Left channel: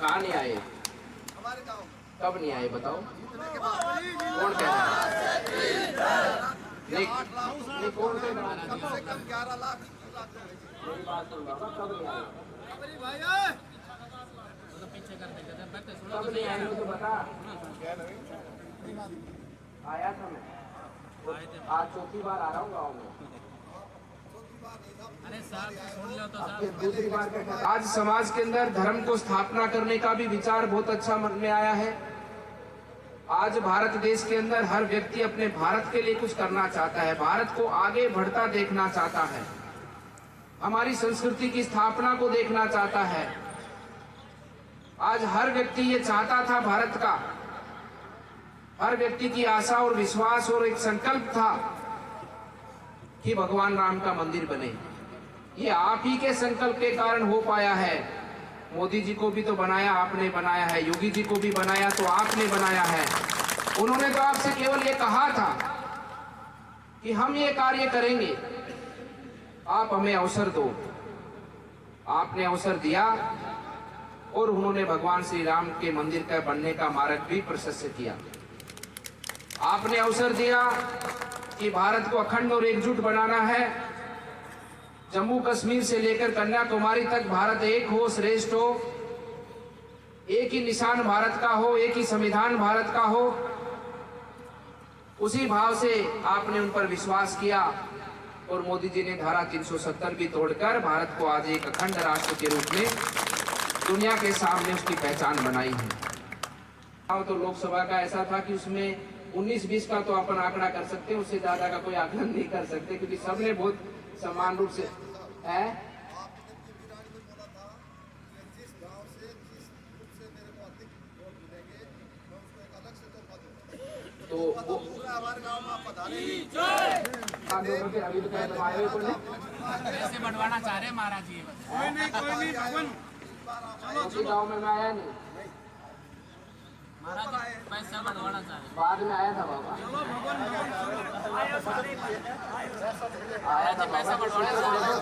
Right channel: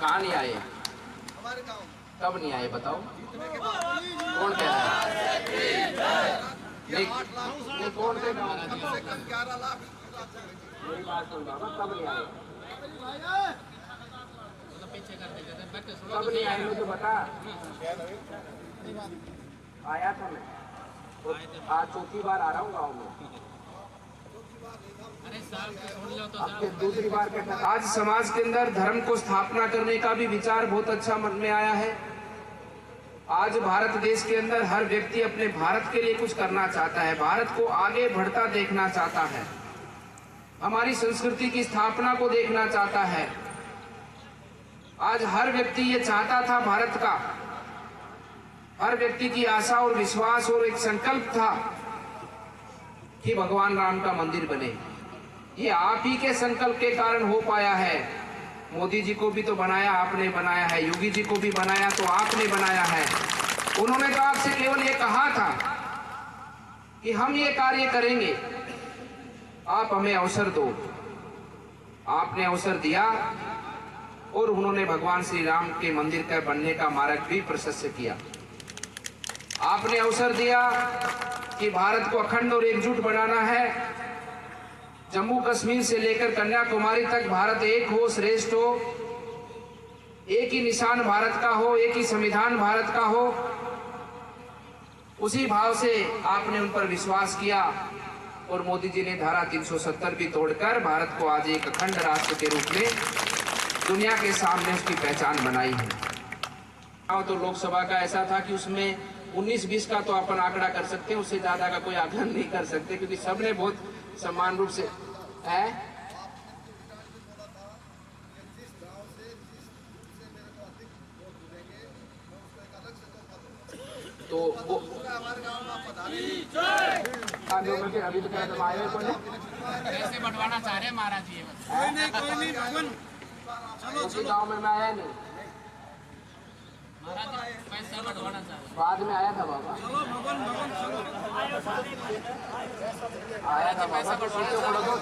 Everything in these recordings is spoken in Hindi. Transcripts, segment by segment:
कहाँ नहीं आए? हमारे गांव में। कब नहीं आए बताओ? जीतने के बाद कौन कह रहा है? ये 8 लाख ये कौन से गाँव? कम से कम 11 लाख मेरी बात सुन बाबा, कब नहीं आए? कब नहीं आए मुझे बता। आया था मैं, आज चौथी बार आ रहा हूँ गाँव में। दूसरी बार आज समाज के अंदर धर्म को स्थापना करने का भी विचार बहुत अच्छा मन में आया है। आज भारत देश के अंदर हर व्यक्ति अपने भारत के लिए कुछ करना चाहता है, भारत को आगे बढ़ता देखना चाहता है, हमारी संस्कृति की स्थापना को देखना चाहता है। आज हर व्यक्ति ये चाहता था, भारत का हर व्यक्ति की आशा और विश्वास और एक संकल्प था कि भगवान राम का मंदिर बने। ये आप ही के संकल्प के कारण हो पाया है। मोदी जी को भी तो बनाया आपने बनाया है, योगी जी को भी बनाया तो आपने बनाया है। उन्होंने तो आपसे केवल ये कहा था कि हम ये कार्य करेंगे, आप हमें अवसर दो। आपने अवसर दिया और उन्होंने भगवान श्री राम के मंदिर का बनने का मार्ग भी प्रशस्त किया। आपने अवसर दिया कि भारत को अखंड और एकजुट बनाना है। जम्मू कश्मीर से लेकर कन्याकुमारी तक भारत एक हो, श्रेष्ठ हो, एक ही निशान भारत का हो, एक ही संविधान भारत का हो। उसी भाव से आपने उन पर विश्वास किया और मोदी जी ने धारा 370 भी तोड़कर भारत को आज एक अखंड राष्ट्र के रूप में दुनिया के सामने उसकी पहचान बनाई है। तो लोकसभा का ऐसा था कि उसमें 19-20 का तो अपन आंकड़ा कर सकते हैं, उससे ज्यादा का कोई आकलन नहीं कर सकते, क्योंकि सबने बहुत समान रूप से है। तो वो हमारे गांव में आप पधारे कैसे बढ़वाना चाह रहे महाराज जी? कोई नहीं गाँव में मैं आया नहीं, महाराज पैसा बढ़वाना चाह रहे। बाद में आया था बाबा। आया जी पैसा बढ़वाना चाह रहे।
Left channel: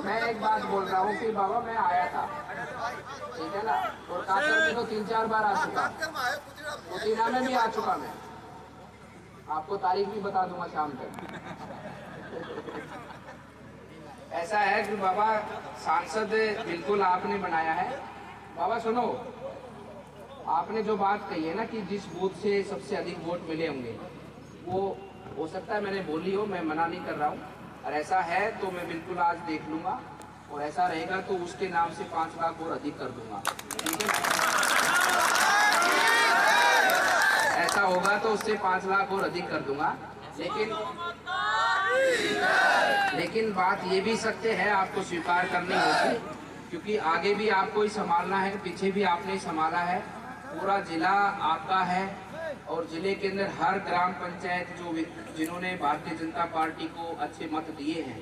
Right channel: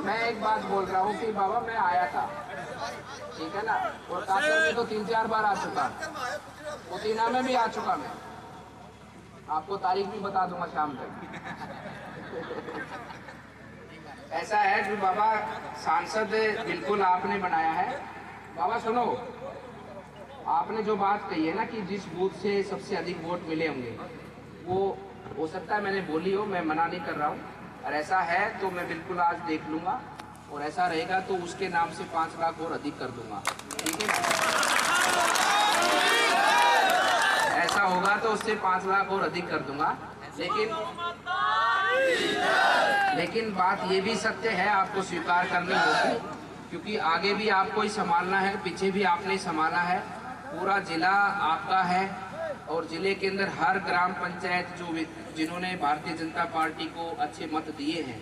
मैं एक बात बोल रहा हूँ कि बाबा मैं आया था, ठीक है ना, और कानपुर में तो 3-4 बार आ चुका, पुदीना में भी आ चुका। मैं आपको तारीख भी बता दूंगा शाम तक। ऐसा है कि बाबा सांसद बिल्कुल आपने बनाया है। बाबा सुनो, आपने जो बात कही है ना कि जिस बूथ से सबसे अधिक वोट मिले होंगे, वो हो सकता है मैंने बोली हो, मैं मना नहीं कर रहा हूँ। और ऐसा है तो मैं बिल्कुल आज देख लूंगा, और ऐसा रहेगा तो उसके नाम से 5 लाख और अधिक कर दूंगा, ठीक है। ऐसा होगा तो उससे 5 लाख और अधिक कर दूंगा। लेकिन बात ये भी सत्य है, आपको स्वीकार करनी होगी, क्योंकि आगे भी आपको ही संभालना है, पीछे भी आपने ही संभाला है। पूरा जिला आपका है और जिले के अंदर हर ग्राम पंचायत जिन्होंने भारतीय जनता पार्टी को अच्छे मत दिए हैं,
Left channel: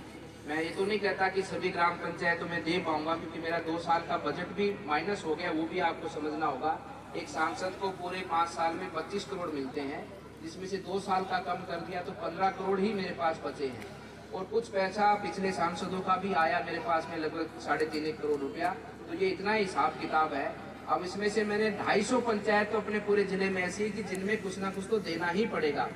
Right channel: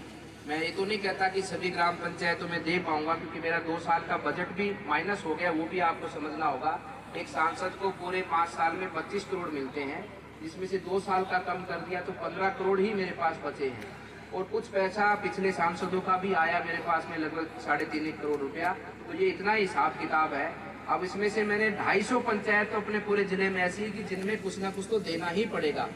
मैं ये तो नहीं कहता कि सभी ग्राम पंचायतों में दे पाऊंगा, क्योंकि मेरा 2 साल का बजट भी माइनस हो गया, वो भी आपको समझना होगा। एक सांसद को पूरे 5 साल में 25 करोड़ मिलते हैं, जिसमें से 2 साल का कम कर दिया तो 15 करोड़ ही मेरे पास बचे हैं। और कुछ पैसा पिछले सांसदों का भी आया मेरे पास में, लगभग 3.5 करोड़ रुपया। तो ये इतना ही हिसाब किताब है। अब इसमें से मैंने 250 पंचायत तो अपने पूरे जिले में ऐसी कि जिनमें कुछ ना कुछ तो देना ही पड़ेगा।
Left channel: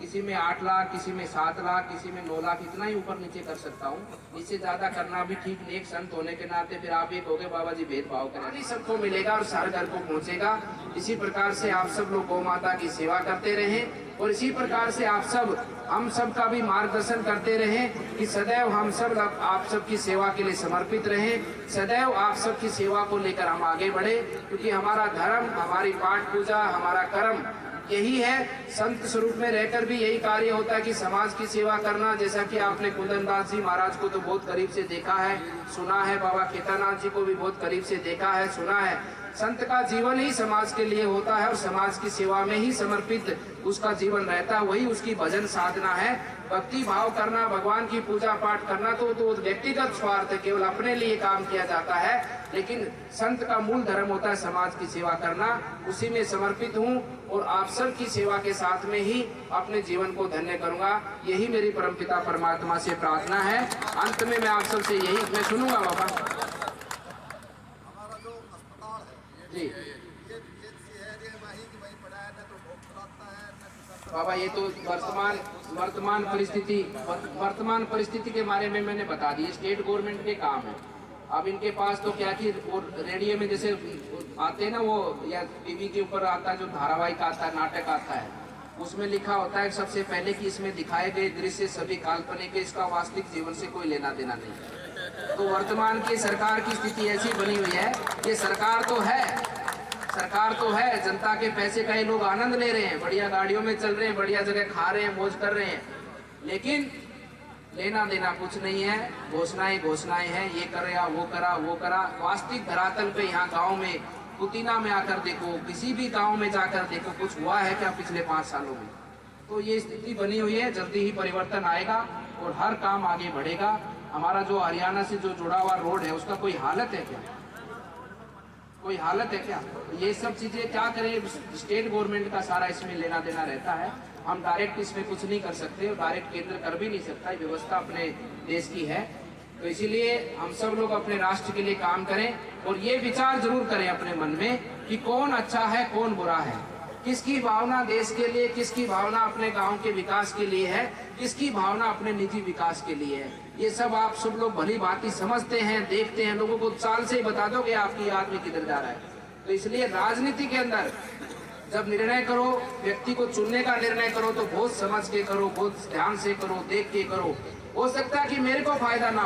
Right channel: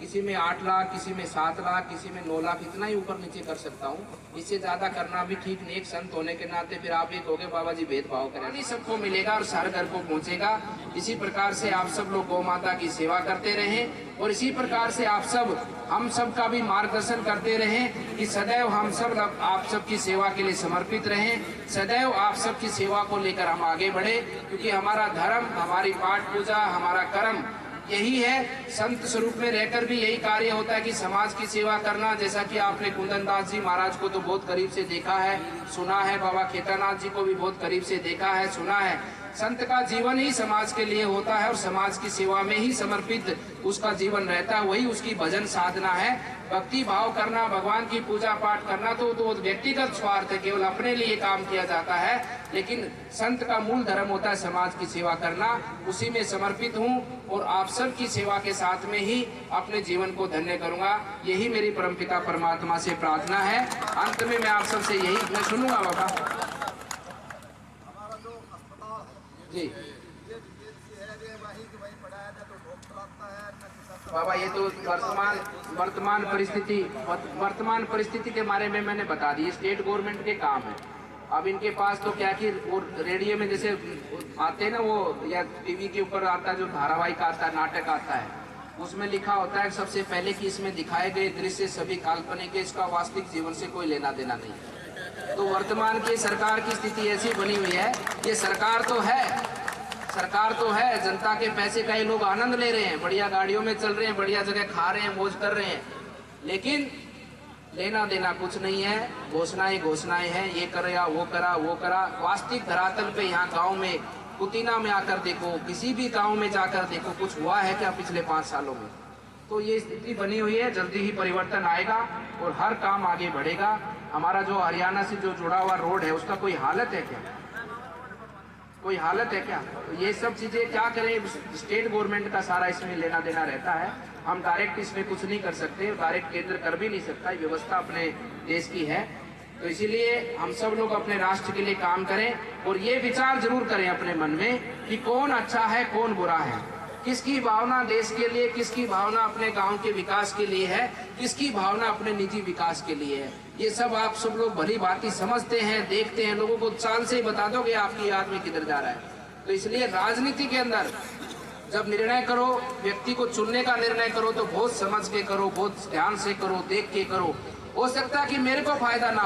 किसी में 8 लाख, किसी में 7 लाख, किसी में 9 लाख, इतना ही ऊपर नीचे कर सकता हूँ। इससे ज्यादा करना भी ठीक नहीं। एक संत होने के नाते फिर आप ये कहोगे बाबा जी भेदभाव करें, सबको मिलेगा और सारे घर को पहुंचेगा। इसी प्रकार से आप सब लोग गौ माता की सेवा करते रहें और इसी प्रकार से आप सब हम सब का भी मार्गदर्शन करते रहें कि सदैव हम सब आप सबकी सेवा के लिए समर्पित रहें। सदैव आप सबकी सेवा को लेकर हम आगे बढ़े, क्योंकि हमारा धर्म, हमारी पाठ पूजा, हमारा कर्म यही है। संत स्वरूप में रहकर भी यही कार्य होता है कि समाज की सेवा करना। जैसा कि आपने कुंदन दास जी महाराज को तो बहुत करीब से देखा है, सुना है, बाबा केदारनाथ जी को भी बहुत करीब से देखा है, सुना है। संत का जीवन ही समाज के लिए होता है और समाज की सेवा में ही समर्पित उसका जीवन रहता है, वही उसकी भजन साधना है। भक्ति भाव करना, भगवान की पूजा पाठ करना तो वो व्यक्तिगत स्वार्थ है, केवल अपने लिए काम किया जाता है। लेकिन संत का मूल धर्म होता है समाज की सेवा करना, उसी में समर्पित हूँ और आप सब की सेवा के साथ में ही अपने जीवन को धन्य करूंगा। यही मेरी परमपिता परमात्मा से प्रार्थना है। अंत में मैं आप सबसे यही मैं सुनूंगा बाबा हमारा जो अस्पताल है जी। ये वहीं कि वहीं पढ़ाया ना तो डॉक्टर आता है ना किसी बाबा ये तो वर्तमान परिस्थिति के बारे में मैंने बता दी, स्टेट गवर्नमेंट के काम है। अब इनके पास तो क्या कि वो रेडियो में जैसे आते हैं ना, वो या टीवी के ऊपर आता है जो धारावाहिक आता है, नाटक आता है, उसमें लिखा होता है सबसे पहले कि इसमें दिखाए गए दृश्य सभी काल्पनिक है, इसका वास्तविक जीवन से कोई लेना देना नहीं है। तो वर्तमान की सरकार की स्थिति ऐसी बनी हुई है, ये सरकार तो है, जनता के पैसे का ये लोग आनंद ले रहे हैं, बढ़िया गाड़ियों में चल रहे हैं, बढ़िया जगह खा रहे हैं, मौज कर रहे हैं, लेकिन लेना देना कुछ नहीं है। घोषणाएं हैं, ये करेगा वो करा। वास्तविक धरातल पे यहाँ गांव में पुतीना में आकर देखो, किसी भी गांव में जाकर देखो, कुछ हुआ है क्या पिछले 5 सालों में? तो ये स्थिति बनी हुई है, जल्दी ही परिवर्तन आएगा और हर काम आगे बढ़ेगा। हमारा जो हरियाणा से जो जुड़ा हुआ रोड है उसका कोई हालत है क्या? ये सब चीजें क्या करें, स्टेट गवर्नमेंट का सारा इसमें लेना देना रहता है। हम डायरेक्ट इसमें कुछ नहीं कर सकते, डायरेक्ट केंद्र कर भी नहीं सकता, व्यवस्था अपने देश की है। तो इसीलिए हम सब लोग अपने राष्ट्र के लिए काम करें और ये विचार जरूर करें अपने मन में कि कौन अच्छा है कौन बुरा है, किसकी भावना देश के लिए, किसकी भावना अपने गांव के विकास के लिए है, किसकी भावना अपने निजी विकास के लिए है। ये सब आप सब लोग भली भांति समझते हैं, देखते हैं, लोगों को चाल से ही बता दोगे आपकी आदमी किधर जा रहा है। तो इसलिए राजनीति के अंदर जब निर्णय करो, व्यक्ति को चुनने का निर्णय करो तो बहुत समझ के करो, बहुत ध्यान से करो, देख के करो। हो सकता है कि मेरे को फायदा ना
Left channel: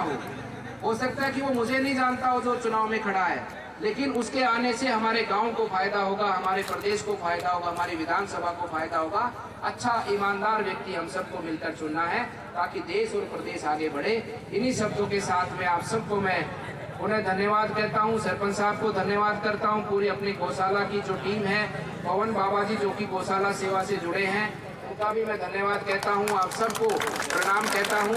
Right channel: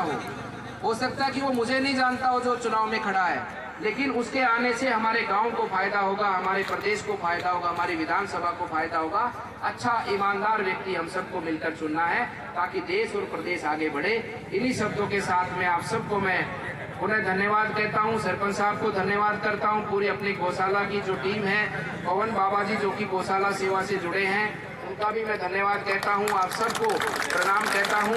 हो सकता है कि वो मुझे नहीं जानता हो जो चुनाव में खड़ा है, लेकिन उसके आने से हमारे गांव को फायदा होगा, हमारे प्रदेश को फायदा होगा, हमारी विधानसभा को फायदा होगा। अच्छा ईमानदार व्यक्ति हम सबको मिलकर चुनना है ताकि देश और प्रदेश आगे बढ़े। इन्हीं शब्दों के साथ में आप सबको मैं उन्हें धन्यवाद कहता हूं, सरपंच साहब को धन्यवाद करता हूं, पूरी अपनी गौशाला की जो टीम है, पवन बाबा जी जो कि गौशाला सेवा से जुड़े हैं, उनका भी मैं धन्यवाद कहता हूं। आप सबको प्रणाम कहता हूं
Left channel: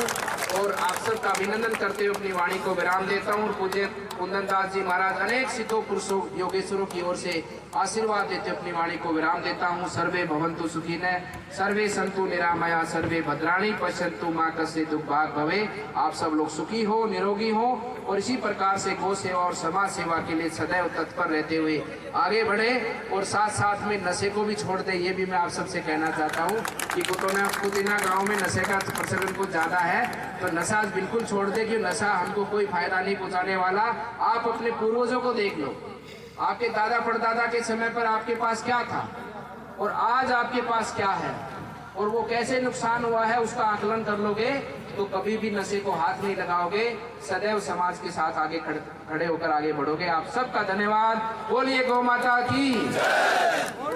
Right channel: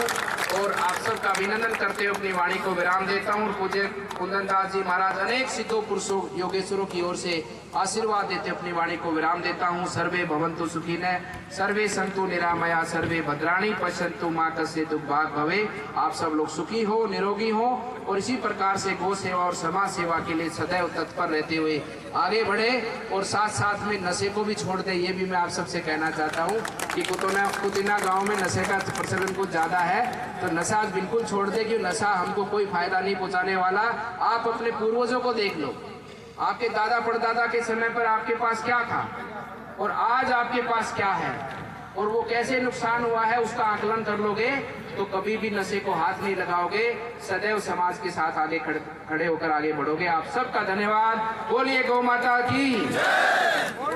और आप सबका अभिनंदन करते हुए अपनी वाणी को विराम देता हूं। पूज्य कुंदन दास जी महाराज अनेक सिद्धों पुरुषों योगेश्वरों की ओर से आशीर्वाद देते अपनी वाणी को विराम देता हूं। सर्वे भवन्तु सुखिनः, सर्वे सन्तु निरामया, सर्वे भद्राणि पश्यन्तु मा कश्चित् दुर्भाग् भवेत्। आप सब लोग सुखी हो, निरोगी हो और इसी प्रकार से गौ सेवा और समाज सेवा के लिए सदैव तत्पर रहते हुए आगे बढ़े और साथ साथ में नशे को भी छोड़ दे। ये भी मैं आप सबसे कहना चाहता हूँ कि कुतीना गांव में नशे का प्रचलन कुछ ज्यादा है, तो नशा बिल्कुल छोड़ दे कि नशा हमको कोई फायदा नहीं पहुंचाने वाला। आप अपने पूर्वजों को देख लो, आपके दादा परदादा के समय पर आपके पास क्या था और आज आपके पास क्या है और वो कैसे नुकसान हुआ है, उसका आकलन कर लोगे तो कभी भी नशे को हाथ नहीं लगाओगे, सदैव समाज के साथ आगे खड़े होकर आगे बढ़ोगे। आप सबका धन्यवाद। बोलिए गौ माता की।